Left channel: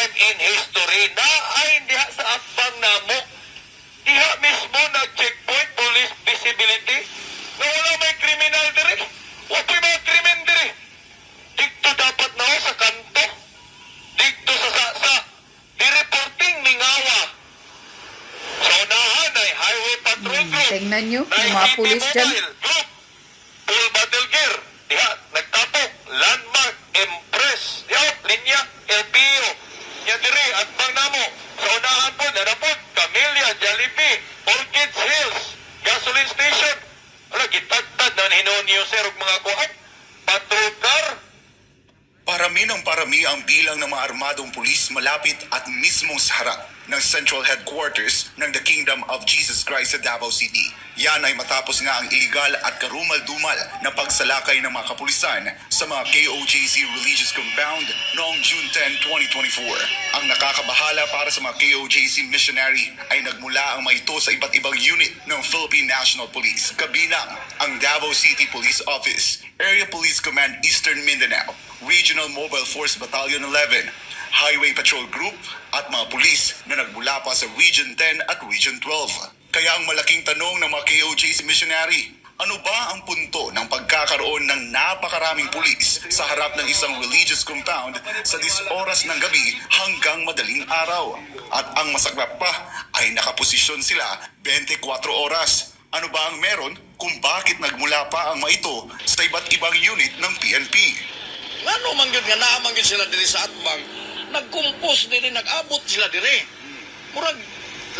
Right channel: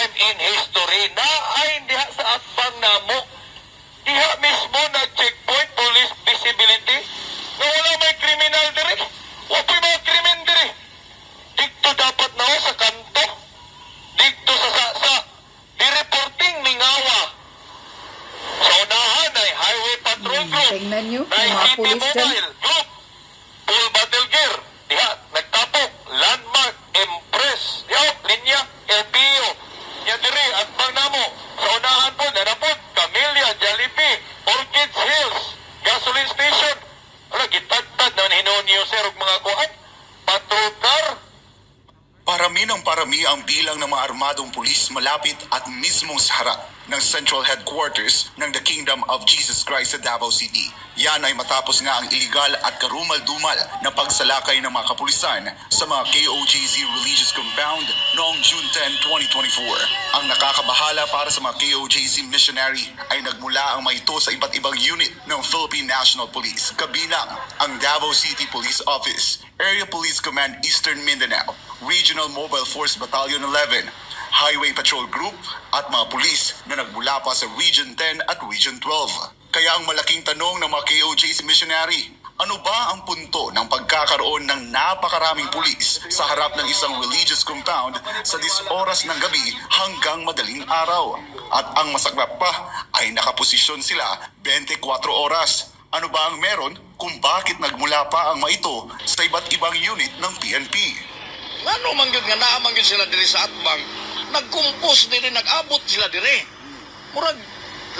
time in history na ay diha sa atbang namo. Diha mismo na checkpoint police visibility na wala may kriminal diri. Wala may krimen diri. Dito dapat na sa kanto. Dito sa i-reporting Mingawa. Sa unahan ay highway patrol group. Tingnan nyo, yung mga pulis dyan. Full battle gear. Diha, nagtapok. Landmark, Empress. Diha, linya, LPO. Nya diri, at bang namo. Sa unahan po, nanapod, Camellia, Jollibee, Orchids Hills, gasoline station. Wala, gitagtad na hinunyo sir og mga kuhan. Patrol car. Parami ng parami ang bilang ng mga armadong pulis malapit at mismong sa harap ng Central Headquarters ng The Kingdom of Jesus Christ sa Davao City. Yan ay matapos nga ang iligal at karumal-dumal na pagsalakay ng mga kapulisan sa mga KOJC Religious Compound noong June 10, 2024. Ang nakakabahala para sa mga KOJC missionary ay nagmula ang mga ito sa iba't ibang unit ng Philippine National Police, kabilang ang Davao City Police Office, Area Police Command Eastern Mindanao, Regional Mobile Force Battalion 11, Highway Patrol Group at mga pulis na nagmula pa sa Region 10 at Region 12. Kaya ang malaking tanong ng mga KOJC missionary, ano ba ang punto ng pagkakaroon ng napakaraming pulis sa harap ng isang religious compound sa 10 oras ng gabi hanggang madaling araw? At ang masaklap pa ay nakaposisyon sila 24 oras. Ano ba ang meron kung bakit nagmula pa ang mga ito sa iba't ibang unit ng PNP? Ano manggid nga naamanggid sila diri sa atbang, nagkumpos diri, nag-abot sila diri. Murag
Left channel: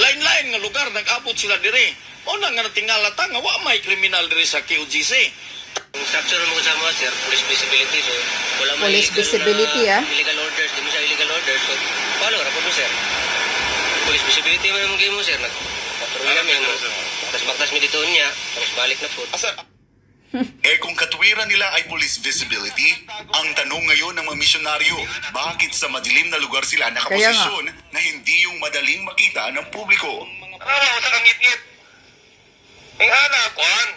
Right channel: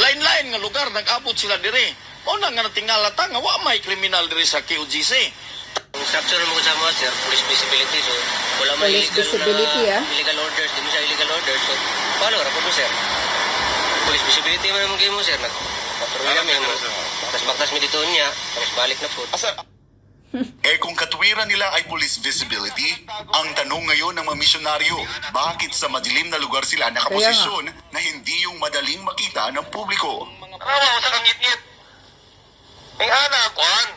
lain-lain nga lugar nag-abot sila diri. O na nga natingala ta nga wa may kriminal diri sa KOJC. Ang structure mo sa mga sir, police visibility, so wala may Police visibility, illegal orders, di mo siya illegal orders, so paano rapod mo sir? Police visibility man mo game mo sir, nagpatrulla kami mo, baktas mi dito niya, tapos balik na po. Kung katwiran nila ay police visibility, ang tanong ngayon ng mga misyonaryo, bakit sa madilim na lugar sila nakaposisyon na hindi yung madaling makita ng publiko? Rawa, sa kangit-ngit. Ang ana, kuhan.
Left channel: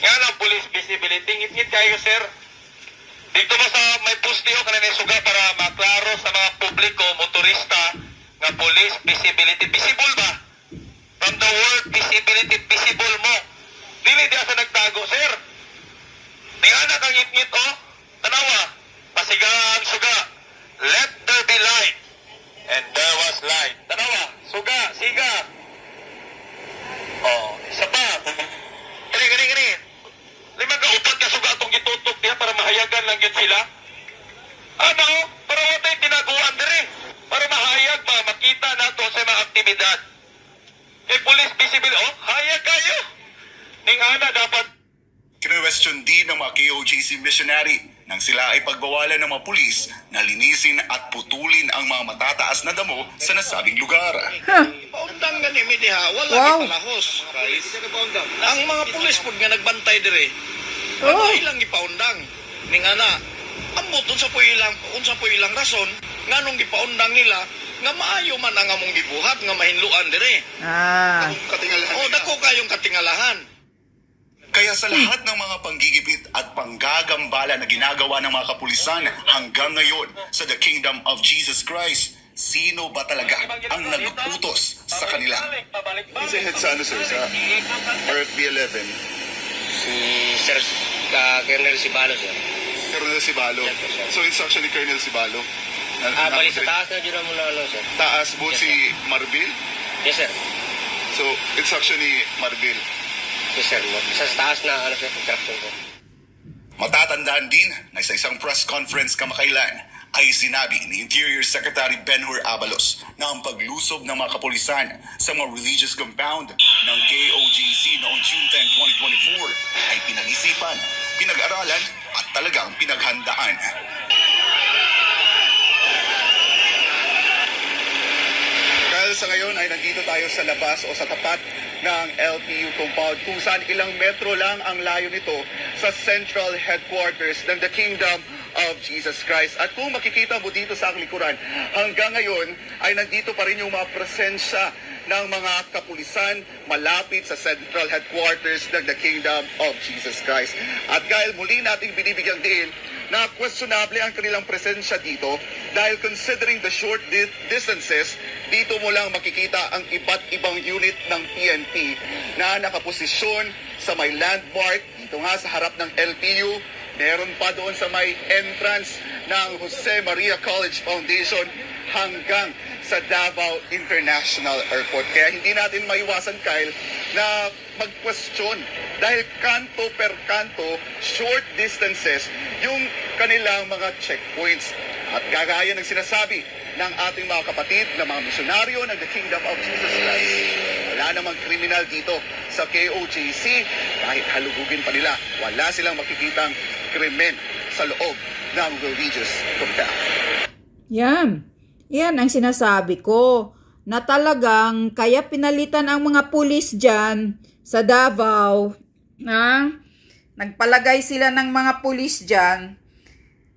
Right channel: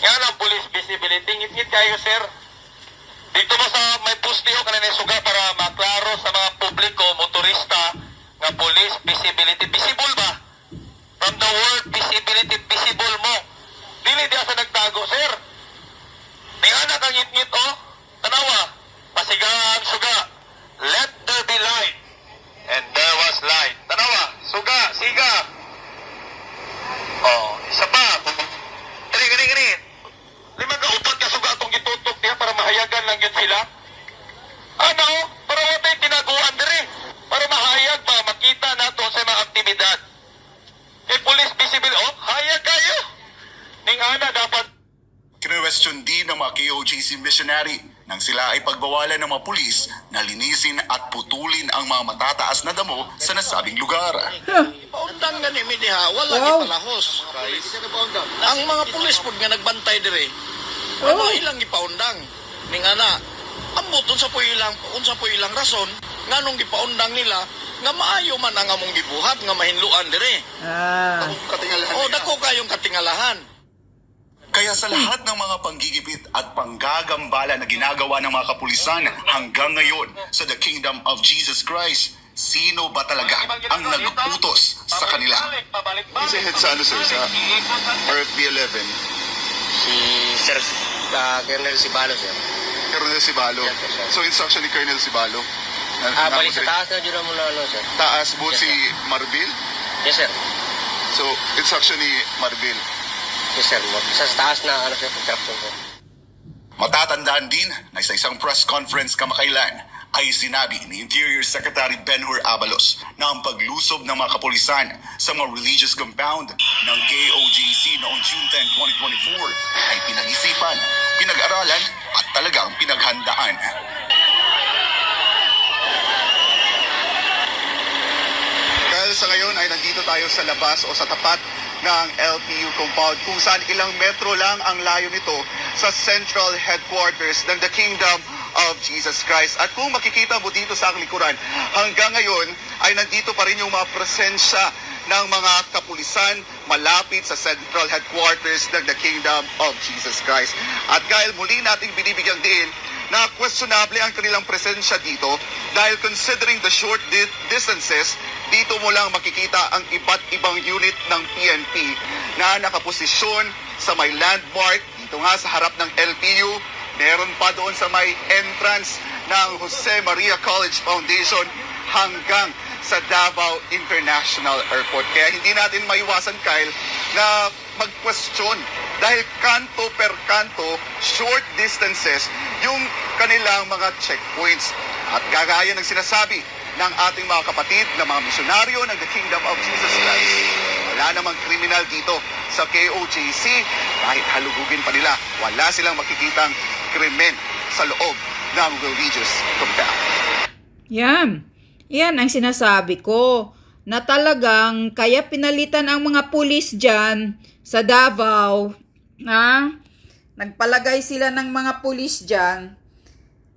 Yan ang police visibility. Ngit-ngit kayo, sir. Dito mo sa may postiho ka na suga para maklaro sa mga publiko, motorista, nga police visibility. Visible ba? From the word visibility, visible mo. Dili diya sa nagtago, sir. Tingana kang ngit-ngit, oh. Tanawa. Pasigaan, suga. Let there be light. And there was light. Tanawa. Suga, siga. Oh, isa pa. Gani. Lima ka upat ka suga atong gitutok diya para mahayagan lang yun sila. Ano? Para watay tinaguan diri. Para mahayag ba, makita nato sa mga aktibidad. Police visible, oh, hayag kayo. Ning ana dapat Kine-question din ng mga KOJC missionary nang sila ay pagbawalan ng mga pulis na linisin at putulin ang mga matataas na damo sa nasabing lugar. Paundang gani mi diha, wala gipalahos. Ang mga pulis pud nga nagbantay dire. Wala ilang gipaundang. Ning ana, ambot unsa po ilang rason nganong gipaundang nila nga maayo man ang among gibuhat nga mahinluan dire. Dako kayong katingalahan. Kaya sa lahat ng mga panggigipit at panggagambala na ginagawa ng mga kapulisan hanggang ngayon sa The Kingdom of Jesus Christ, sino ba talaga ang nag-utos sa kanila? Kasi head sa ano sir, sa RFB 11? Si Sir Colonel Sibalo, sir. Colonel Sibalo. So it's actually Colonel Sibalo? Balik sa taas na dyan mo na ano, sir. Taas po si Marbil? Yes, sir. So it's actually Marbil? Yes, sir. Sa taas na ano, sir, construction, sir. Matatandaan din na sa isang press conference kamakailan ay sinabi ni Interior Secretary Ben-Hur Abalos na ang paglusob ng mga kapulisan sa mga religious compound ng KOJC noong June 10, 2024 ay pinag-isipan, pinag-aralan at talagang pinaghandaan. Dahil sa ngayon ay nandito tayo sa labas o sa tapat ng LPU compound kung saan ilang metro lang ang layo nito sa Central Headquarters ng The Kingdom of Jesus Christ. At kung makikita mo dito sa aking likuran, hanggang ngayon ay nandito pa rin yung mga presensya ng mga kapulisan malapit sa Central Headquarters ng The Kingdom of Jesus Christ. At dahil muli nating binibigyan din na questionable ang kanilang presensya dito dahil considering the short distances, dito mo lang makikita ang iba't ibang unit ng PNP na nakaposisyon sa may landmark dito nga sa harap ng LPU. Meron pa doon sa may entrance ng Jose Maria College Foundation hanggang sa Davao International Airport. Kaya hindi natin maiwasan, Kyle, na mag-question dahil kanto per kanto, short distances, yung kanilang mga checkpoints. At gagaya ng sinasabi ng ating mga kapatid na mga misyonaryo ng The Kingdom of Jesus Christ, wala namang kriminal dito sa KOJC. Kahit halugugin pa nila, wala silang makikitang krimen sa loob ng religious compound. Yan ang sinasabi ko, na talagang kaya pinalitan ang mga pulis dyan sa Davao, nagpalagay sila ng mga pulis dyan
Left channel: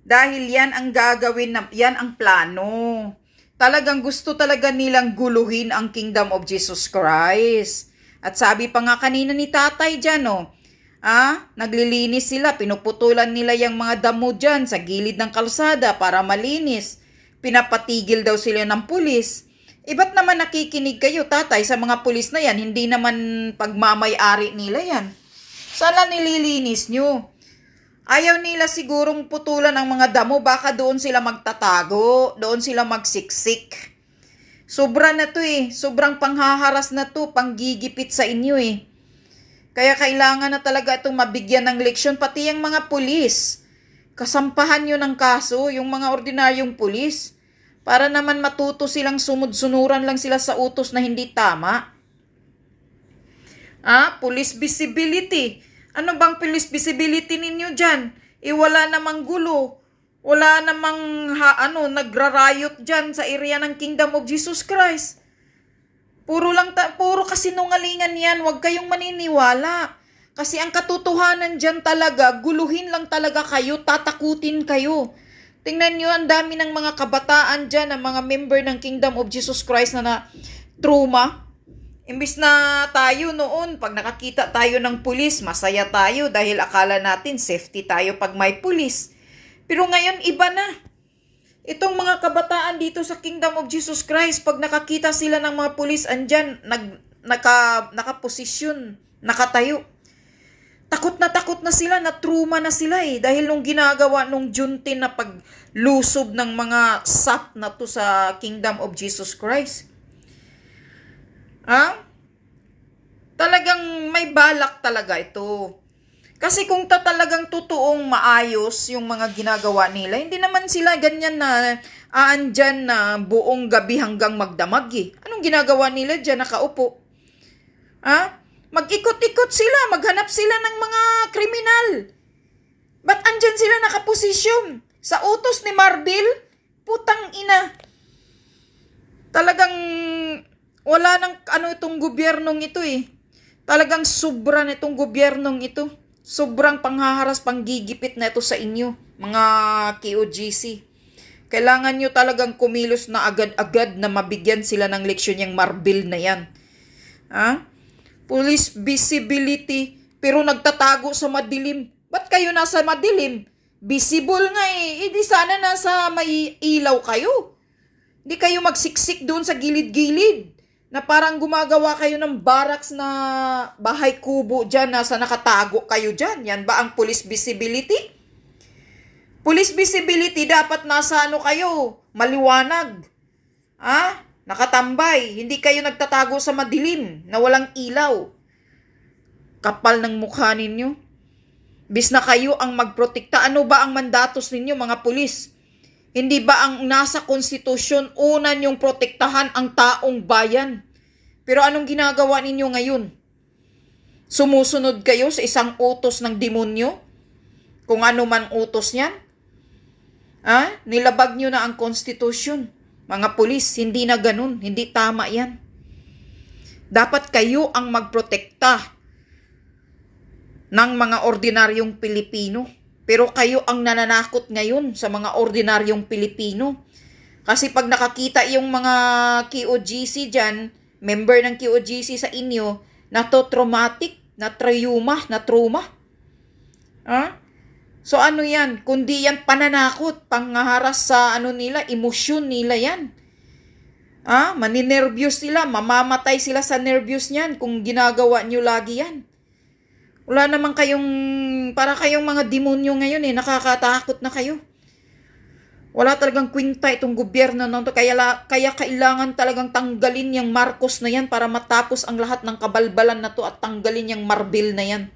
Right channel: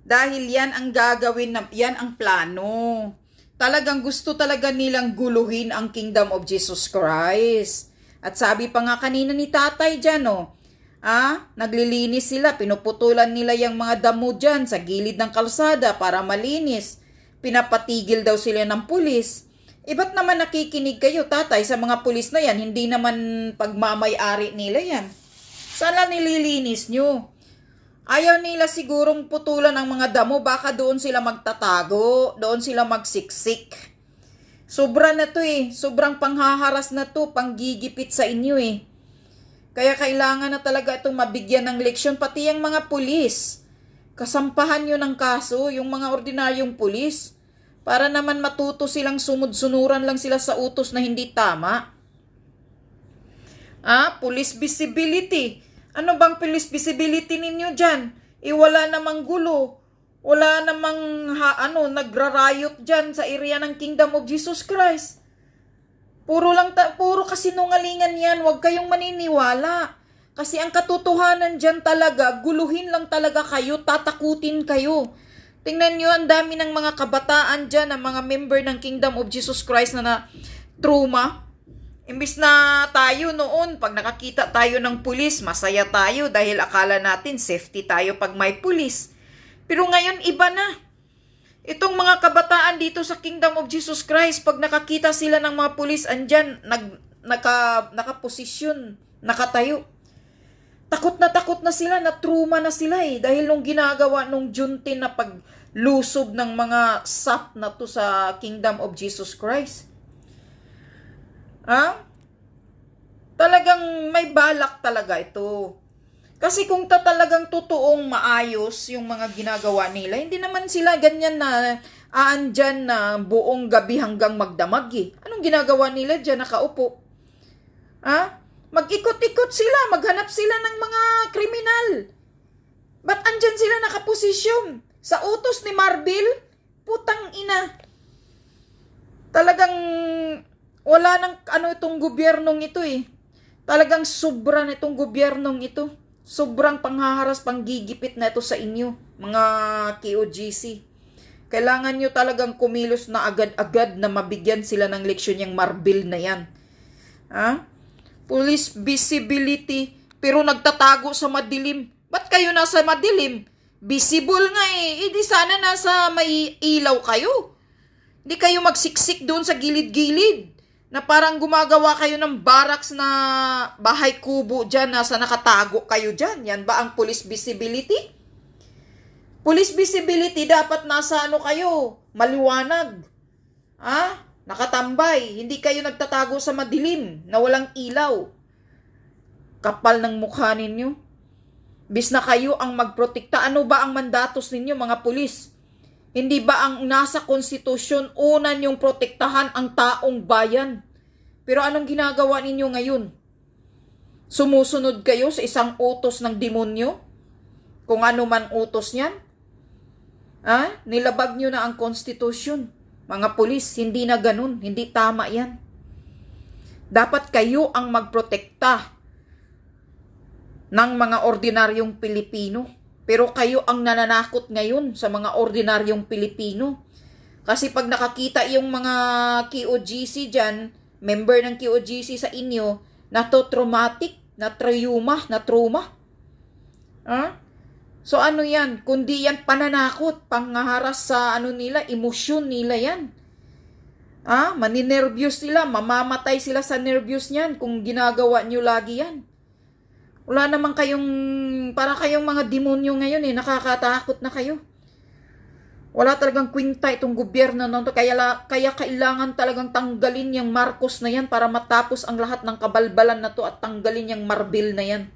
dahil yan ang gagawin, yan ang plano. Talagang gusto talaga nilang guluhin ang Kingdom of Jesus Christ. At sabi pa nga kanina ni tatay dyan, naglilinis sila, pinuputulan nila yung mga damo dyan sa gilid ng kalsada para malinis. Pinapatigil daw sila ng pulis. Ba't naman nakikinig kayo, tatay, sa mga pulis na yan? Hindi naman pagmamay-ari nila yan. Sana nililinis nyo. Ayaw nila sigurong putulan ang mga damo, baka doon sila magtatago, doon sila magsiksik. Sobra na to sobrang panghaharas na to, panggigipit sa inyo Kaya kailangan na talaga itong mabigyan ng leksyon, pati yung mga pulis. Kasampahan nyo ng kaso, yung mga ordinaryong pulis, para naman matuto silang sumud-sunuran lang sila sa utos na hindi tama. Police visibility. Ano bang police visibility ninyo dyan? Wala namang gulo. Wala namang nagrarayot dyan sa area ng Kingdom of Jesus Christ. Puro kasinungalingan yan. Huwag kayong maniniwala. Kasi ang katotohanan dyan talaga, guluhin lang talaga kayo, tatakutin kayo. Tingnan nyo, ang dami ng mga kabataan dyan, ang mga member ng Kingdom of Jesus Christ na trauma. Imbis na tayo noon, pag nakakita tayo ng pulis, masaya tayo dahil akala natin safety tayo pag may pulis. Pero ngayon, iba na. Itong mga kabataan dito sa Kingdom of Jesus Christ, pag nakakita sila ng mga pulis, andyan, nakaposisyon, nakatayo. Takot na sila, na trauma na sila dahil nung ginagawa nung Juntin na paglusob ng mga SAP na to sa Kingdom of Jesus Christ. Talagang may balak talaga ito. Kasi kung talagang totoong maayos yung mga ginagawa nila, hindi naman sila ganyan na aandyan na buong gabi hanggang magdamag Anong ginagawa nila dyan nakaupo? Mag-ikot-ikot sila, maghanap sila ng mga kriminal. Ba't andyan sila nakaposisyon? Sa utos ni Marbil? Putang ina. Talagang wala nang itong gobyernong ito Talagang sobra na itong gobyernong ito. Sobrang panghaharas, panggigipit na ito sa inyo, mga KOGC. Kailangan nyo talagang kumilos na agad-agad na mabigyan sila ng leksyon yung Marbil na yan. Police visibility, pero nagtatago sa madilim. Ba't kayo nasa madilim? Visible nga Hindi sana nasa may ilaw kayo. Hindi kayo magsiksik doon sa gilid-gilid. Na parang gumagawa kayo ng barracks na bahay kubo dyan, nasa nakatago kayo dyan. Yan ba ang police visibility? Police visibility, dapat nasa kayo, maliwanag. Nakatambay, hindi kayo nagtatago sa madilim, na walang ilaw. Kapal ng mukha ninyo. Bis na kayo ang magprotekta. Ano ba ang mandatos ninyo, mga pulis? Hindi ba ang nasa konstitusyon, una niyong protektahan ang taong bayan? Pero anong ginagawa ninyo ngayon? Sumusunod kayo sa isang utos ng demonyo? Kung ano man utos niyan? Nilabag niyo na ang konstitusyon. Mga pulis, hindi na ganun. Hindi tama yan. Dapat kayo ang magprotekta ng mga ordinaryong Pilipino. Pero kayo ang nananakot ngayon sa mga ordinaryong Pilipino. Kasi pag nakakita yung mga KOGC dyan, member ng KOGC sa inyo, na to traumatic, na trauma. So ano yan? Kundi yan pananakot, panghaharas sa ano nila, emosyon nila yan. Maninervyos sila, mamamatay sila sa nervyos niyan kung ginagawa nyo lagi yan. Wala naman para kayong mga demonyo ngayon nakakatakot na kayo. Wala talagang kwinta itong gobyerno na to, kaya kailangan talagang tanggalin yung Marcos na yan para matapos ang lahat ng kabalbalan na to at tanggalin yung Marbil na yan.